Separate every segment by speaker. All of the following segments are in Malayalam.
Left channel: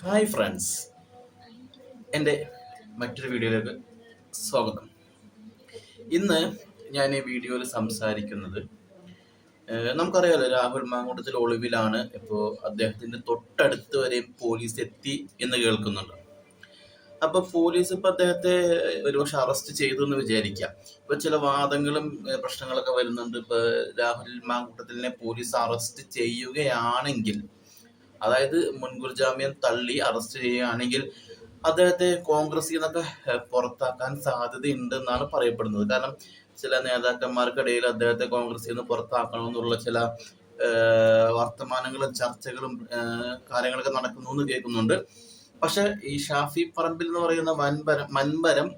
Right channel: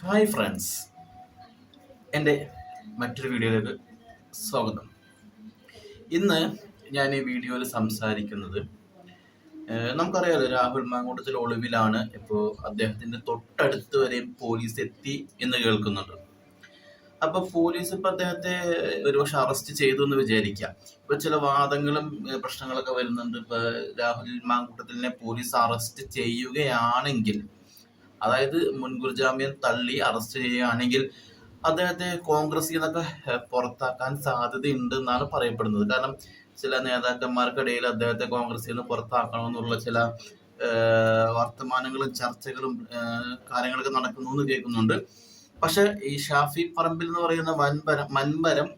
Speaker 1: Hi friends. എന്റെ മറ്റൊരു വീഡിയോയിലേക്ക് സ്വാഗതം. ഇന്ന് ഞാൻ ഈ വീഡിയോയിൽ സംസാരിക്കുന്നത് നമുക്കറിയാലോ രാഹുൽ മാങ്കൂട്ടത്തിൽ ഒളിവിലാണ് ഇപ്പോൾ അദ്ദേഹത്തിന്റെ തൊട്ടടുത്ത് വരെയും പോലീസ് എത്തി എന്ന് കേൾക്കുന്നുണ്ട്. അപ്പോൾ പോലീസ് ഇപ്പോൾ അദ്ദേഹത്തെ ഒരുപക്ഷെ അറസ്റ്റ് ചെയ്തു എന്ന് വിചാരിക്കാം. ഇപ്പോൾ ചില വാദങ്ങളും പ്രശ്നങ്ങളൊക്കെ വരുന്നുണ്ട്. ഇപ്പോൾ രാഹുൽ മാങ്കൂട്ടത്തിലിനെ പോലീസ് അറസ്റ്റ് ചെയ്യുകയാണെങ്കിൽ അതായത് മുൻകൂർ ജാമ്യം തള്ളി അറസ്റ്റ് ചെയ്യുകയാണെങ്കിൽ അദ്ദേഹത്തെ കോൺഗ്രസിൽ നിന്നൊക്കെ പുറത്താക്കാൻ സാധ്യതയുണ്ട് എന്നാണ് പറയപ്പെടുന്നത്. കാരണം ചില നേതാക്കന്മാർക്കിടയിൽ അദ്ദേഹത്തെ കോൺഗ്രസിൽ നിന്ന് പുറത്താക്കണമെന്നുള്ള ചില വർത്തമാനങ്ങളും ചർച്ചകളും കാര്യങ്ങളൊക്കെ നടക്കുന്നു എന്ന് കേൾക്കുന്നുണ്ട്. പക്ഷെ ഈ ഷാഫി പറമ്പിൽ എന്ന് പറയുന്ന വൻപരം മൻപരം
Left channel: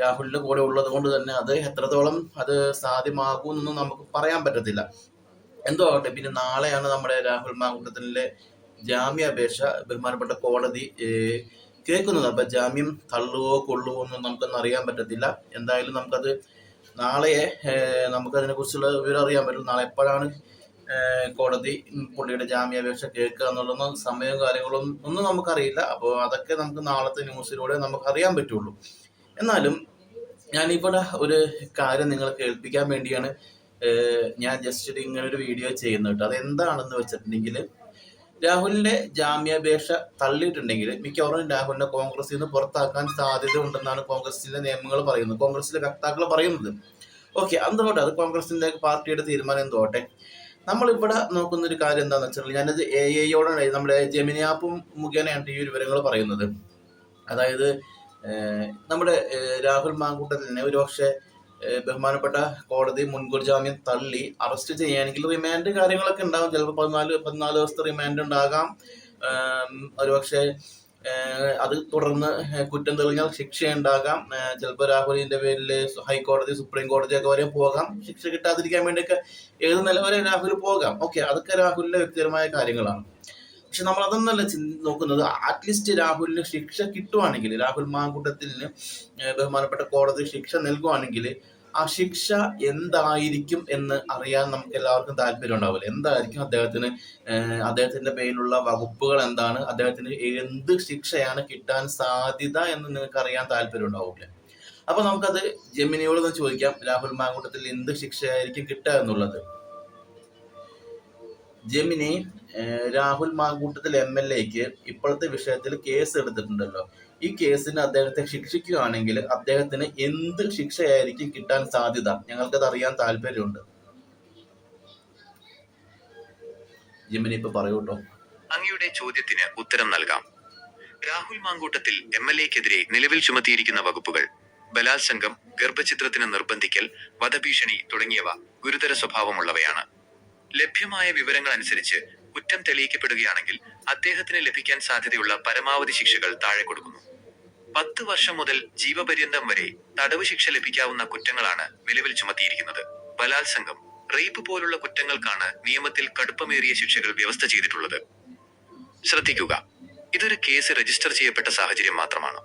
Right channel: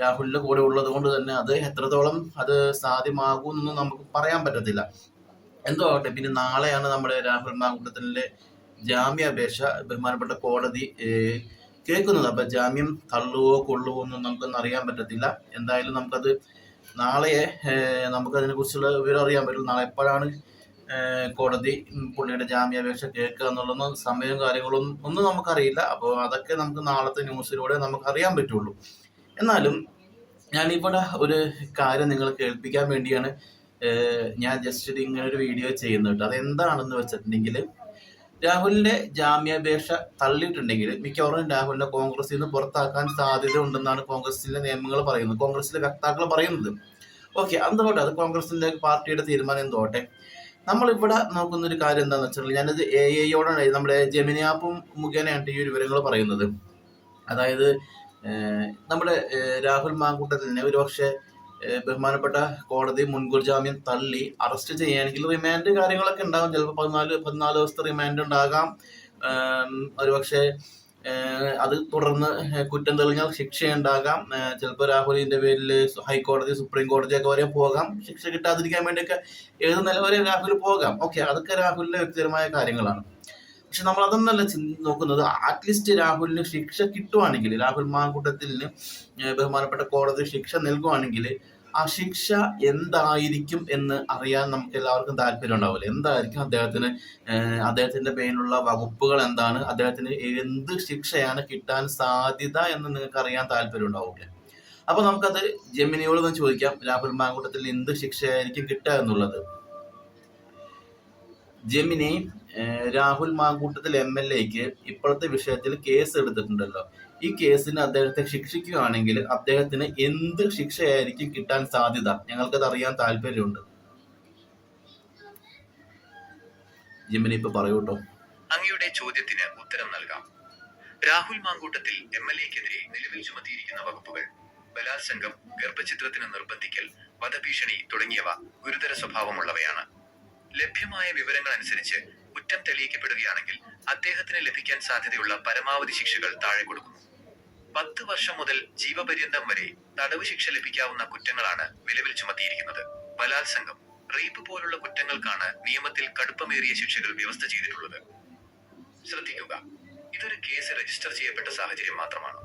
Speaker 1: രാഹുലിന്റെ കൂടെ ഉള്ളത് കൊണ്ട് തന്നെ അത് എത്രത്തോളം അത് സാധ്യമാകുമെന്നൊന്നും നമുക്ക് പറയാൻ പറ്റത്തില്ല. എന്തോ ആവട്ടെ പിന്നെ നാളെയാണ് നമ്മുടെ രാഹുൽ മാങ്കൂട്ടത്തിലെ ജാമ്യാപേക്ഷ ബഹുമാനപ്പെട്ട കോടതി കേൾക്കുന്നത്. അപ്പൊ ജാമ്യം തള്ളുവോ കൊള്ളുവോ ഒന്നും നമുക്കൊന്നും അറിയാൻ പറ്റത്തില്ല. എന്തായാലും നമുക്കത് നാളെ ഏഹ്, നമുക്കതിനെ കുറിച്ചുള്ള വിവരം അറിയാൻ പറ്റും. നാളെ എപ്പോഴാണ് കോടതി പുള്ളിയുടെ ജാമ്യാപേക്ഷ കേൾക്കുക എന്നുള്ളൊന്നും സമയവും കാര്യങ്ങളും ഒന്നും നമുക്കറിയില്ല. അപ്പോൾ അതൊക്കെ നമുക്ക് നാളത്തെ ന്യൂസിലൂടെ നമുക്ക് അറിയാൻ പറ്റുള്ളൂ. എന്നാലും ഞാനിവിടെ ഒരു കാര്യം നിങ്ങളെ കേൾപ്പിക്കാൻ വേണ്ടിയാണ് ഞാൻ ജസ്റ്റ് ഇങ്ങനെ ഒരു വീഡിയോ ചെയ്യുന്നു കേട്ടോ. അതെന്താണെന്ന് വെച്ചിട്ടുണ്ടെങ്കിൽ രാഹുലിന്റെ ജാമ്യാപേക്ഷ തള്ളിയിട്ടുണ്ടെങ്കിൽ മിക്കവാറും രാഹുലിനെ കോൺഗ്രസിൽ നിന്ന് പുറത്താക്കാൻ സാധ്യത ഉണ്ടെന്നാണ് കോൺഗ്രസിലെ നിയമങ്ങൾ പറയുന്നത്. കോൺഗ്രസിലെ വക്താക്കൾ പറയുന്നത്. ഓക്കെ എന്തുകൊട്ടെ അത് കോൺഗ്രസിന്റെ പാർട്ടിയുടെ തീരുമാനം എന്തോട്ടെ നമ്മളിവിടെ നോക്കുന്ന ഒരു കാര്യം എന്താണെന്ന് വെച്ചിട്ടുണ്ടെങ്കിൽ ഞാനത് എ ഐയോടാണ് നമ്മുടെ ജെമിനി ആപ്പും മുഖേനയാണ് ഈ വിവരങ്ങൾ പറയുന്നത്. അതായത് നമ്മുടെ രാഹുൽ മാങ്കൂട്ടത്തിനെ ഒരു പക്ഷേ ഏഹ്, ബഹുമാനപ്പെട്ട കോടതി മുൻകൂർ ജാമ്യം തള്ളി. അറസ്റ്റ് ചെയ്യുകയാണെങ്കിൽ റിമാൻഡ് കാര്യങ്ങളൊക്കെ ഉണ്ടാകും. ചിലപ്പോൾ പതിനാല് പതിനാല് ദിവസത്തെ റിമാൻഡ് ഉണ്ടാകാം. ഒരുപക്ഷെ അത് തുടർന്ന് കുറ്റം തെളിഞ്ഞാൽ ശിക്ഷ ഉണ്ടാകാം. ചിലപ്പോൾ രാഹുലിന്റെ പേരിൽ ഹൈക്കോടതി സുപ്രീം കോടതിയൊക്കെ വരെ പോകാം. ശിക്ഷ കിട്ടാതിരിക്കാൻ വേണ്ടിയൊക്കെ ഏത് നില വരെ രാഹുൽ പോകാം. ഓക്കെ അതൊക്കെ രാഹുലിന്റെ വ്യക്തിപരമായ കാര്യങ്ങളാണ്. പക്ഷെ നമ്മൾ അതൊന്നല്ല നോക്കുന്നത്. അറ്റ്ലീസ്റ്റ് രാഹുലിന് ശിക്ഷ കിട്ടുവാണെങ്കിൽ രാഹുൽ മാങ്കൂട്ടത്തിന് ബഹുമാനപ്പെട്ട കോടതി ശിക്ഷ നൽകുവാണെങ്കിൽ ആ ശിക്ഷ എന്തായിരിക്കും എന്ന് അറിയാൻ നമുക്ക് എല്ലാവർക്കും താല്പര്യം ഉണ്ടാവില്ല. എന്തായിരിക്കും അദ്ദേഹത്തിന് അദ്ദേഹത്തിന്റെ പേരിലുള്ള വകുപ്പുകൾ എന്താണ്? അദ്ദേഹത്തിന് എന്ത് ശിക്ഷയാണ് കിട്ടാൻ സാധ്യത എന്ന് നിങ്ങൾക്ക് അറിയാൻ താല്പര്യം ഉണ്ടാവില്ല? അപ്പൊ നമുക്കത് ജെമിനിയോട് ചോദിക്കാം. രാഹുൽ മാങ്കൂട്ടത്തിൽ എന്ത് ശിക്ഷയായിരിക്കും കിട്ടുക എന്നുള്ളത്? Gemini Rahul Mankoottathil M L എക്ക് ഇപ്പോഴത്തെ വിഷയത്തിൽ കേസ് എടുത്തിട്ടുണ്ടല്ലോ. ഈ കേസിന് അദ്ദേഹത്തെ ശിക്ഷിക്കുകയാണെങ്കിൽ അദ്ദേഹത്തിന് എന്ത് ശിക്ഷയായിരിക്കും കിട്ടാൻ സാധ്യത? ഞങ്ങൾക്കത് അറിയാൻ താല്പര്യമുണ്ട്. ജെമിനി ഇപ്പൊ പറയൂട്ടോ.
Speaker 2: അങ്ങയുടെ ചോദ്യത്തിന് ഉത്തരം നൽകാം. രാഹുൽ മാങ്കൂട്ടത്തിൽ എം എൽ എക്കെതിരെ നിലവിൽ ചുമത്തിയിരിക്കുന്ന വകുപ്പുകൾ ബലാത്സംഗം ഗർഭചിത്രത്തിന് നിർബന്ധിക്കൽ വധഭീഷണി തുടങ്ങിയവ ഗുരുതര സ്വഭാവമുള്ളവയാണ്. ലഭ്യമായ വിവരങ്ങൾ അനുസരിച്ച് കുറ്റം തെളിയിക്കപ്പെടുകയാണെങ്കിൽ അദ്ദേഹത്തിന് ലഭിക്കാൻ സാധ്യതയുള്ള പരമാവധി ശിക്ഷകൾ താഴെ കൊടുക്കുന്നു. പത്ത് വർഷം മുതൽ ജീവപര്യന്തം വരെ തടവ് ശിക്ഷ ലഭിക്കാവുന്ന കുറ്റങ്ങളാണ് നിലവിൽ ചുമത്തിയിരിക്കുന്നത്. ബലാത്സംഗം റേപ്പ് പോലുള്ള കുറ്റങ്ങൾക്കാണ് നിയമത്തിൽ കടുപ്പമേറിയ ശിക്ഷകൾ വ്യവസ്ഥ ചെയ്തിട്ടുള്ളത്. ശ്രദ്ധിക്കുക ഇതൊരു കേസ് രജിസ്റ്റർ ചെയ്യപ്പെട്ട സാഹചര്യം മാത്രമാണ്.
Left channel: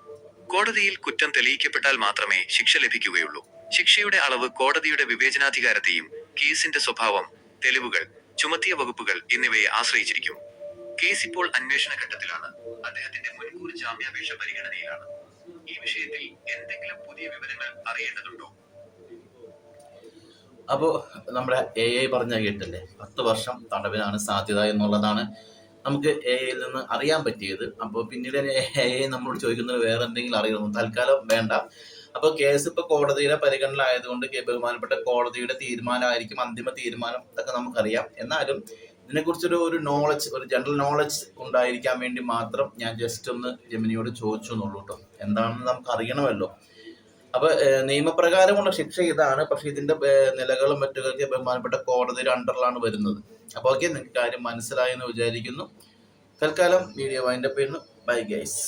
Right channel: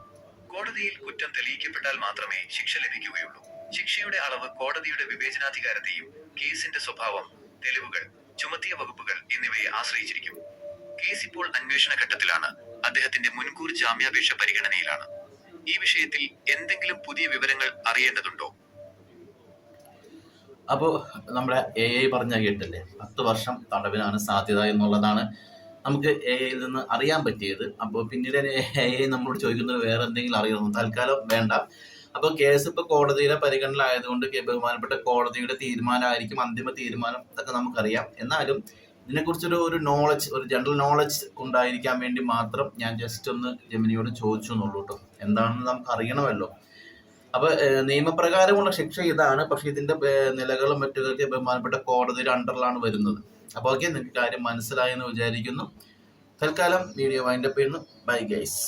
Speaker 2: കോടതിയിൽ കുറ്റം തെളിയിക്കപ്പെട്ടാൽ മാത്രമേ ശിക്ഷ ലഭിക്കുകയുള്ളൂ. ശിക്ഷയുടെ അളവ് കോടതിയുടെ വിവേചനാധികാരത്തെയും കേസിന്റെ സ്വഭാവം തെളിവുകൾ ചുമത്തിയ വകുപ്പുകൾ എന്നിവയെ ആശ്രയിച്ചിരിക്കും. കേസ് ഇപ്പോൾ അന്വേഷണ ഘട്ടത്തിലാണ്. അദ്ദേഹത്തിന്റെ മുൻകൂർ ജാമ്യാപേക്ഷ പരിഗണനയിലാണ്. ഈ വിഷയത്തിൽ എന്തെങ്കിലും പുതിയ വിവരങ്ങൾ അറിയേണ്ടതുണ്ടോ?
Speaker 1: അപ്പോൾ നമ്മുടെ എ ഐ പറഞ്ഞ കേട്ടല്ലേ? പത്ത് വർഷം തടവിനാണ് സാധ്യത എന്നുള്ളതാണ് നമുക്ക് എ ഐയിൽ നിന്ന് അറിയാൻ പറ്റിയത്. അപ്പോൾ പിന്നീട് എ ഐ നമ്മളോട് ചോദിക്കുന്നത് വേറെ എന്തെങ്കിലും അറിയണം തൽക്കാലം വേണ്ട. അപ്പോൾ കേസ് ഇപ്പോൾ കോടതിയുടെ പരിഗണനയിലായതുകൊണ്ട് ബഹുമാനപ്പെട്ട കോടതിയുടെ തീരുമാനമായിരിക്കും അന്തിമ തീരുമാനം ഇതൊക്കെ നമുക്കറിയാം. എന്നാലും ഇതിനെക്കുറിച്ചൊരു ഒരു നോളജ് ഒരു ജനറൽ നോളജ് ഉണ്ടായിരിക്കാൻ വേണ്ടി മാത്രം ഞാൻ ജസ്റ്റ് ഒന്ന് ജമിനിയോട് ചോദിച്ചു എന്നുള്ളൂ കേട്ടോ എന്താണെന്ന് നമുക്ക് അറിയണമല്ലോ അപ്പൊ നിയമപ്രകാരമുള്ള ശിക്ഷ ഇതാണ്. പക്ഷെ ഇതിന്റെ നിലകളും മറ്റുകൾക്ക് ബഹുമാനപ്പെട്ട കോടതിയുടെ അണ്ടറിലാണ് വരുന്നത്. അപ്പോൾ ഓക്കെ നിങ്ങൾക്ക് കാര്യം മനസ്സിലായെന്ന് വിചാരിക്കുന്നു. തൽക്കാലം വീഡിയോ വൈൻഡപ്പ് ചെയ്യുന്നു. Bye guys